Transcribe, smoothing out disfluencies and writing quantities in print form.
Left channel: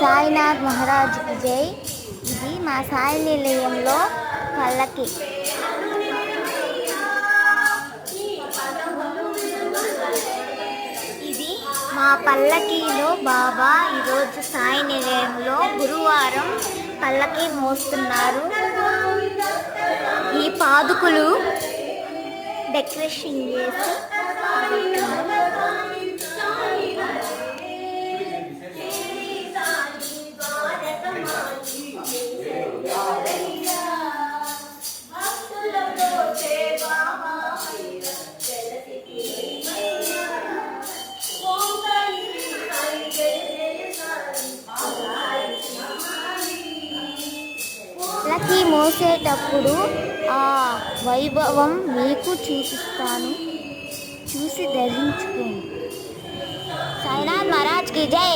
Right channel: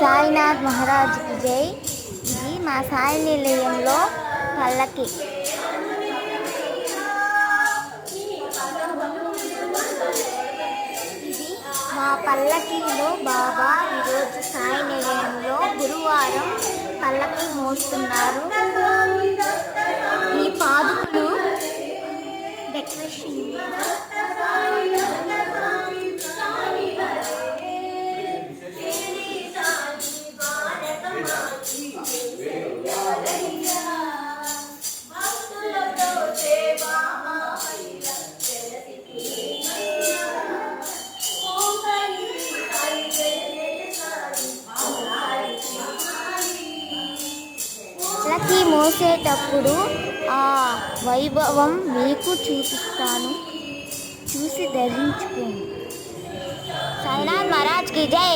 సాయినాథ్ మహారాజ్కి జై. ఇది మా సాయి నిలయంలో పల్లకి. ఇది మా పల్లకీలో బాబా ఈరోజు సాయి నిలయంలో గురువారం పల్లకి మోస్తున్నారు. ఈ పాదుకులు డెకరేషన్ చేసి పల్లకి మోసేటప్పుడు ఆ వైభవం మీకు చూపిస్తాను, చూసి ధరించుకోండి. సాయినాథ్ మహారాజ్కి జై.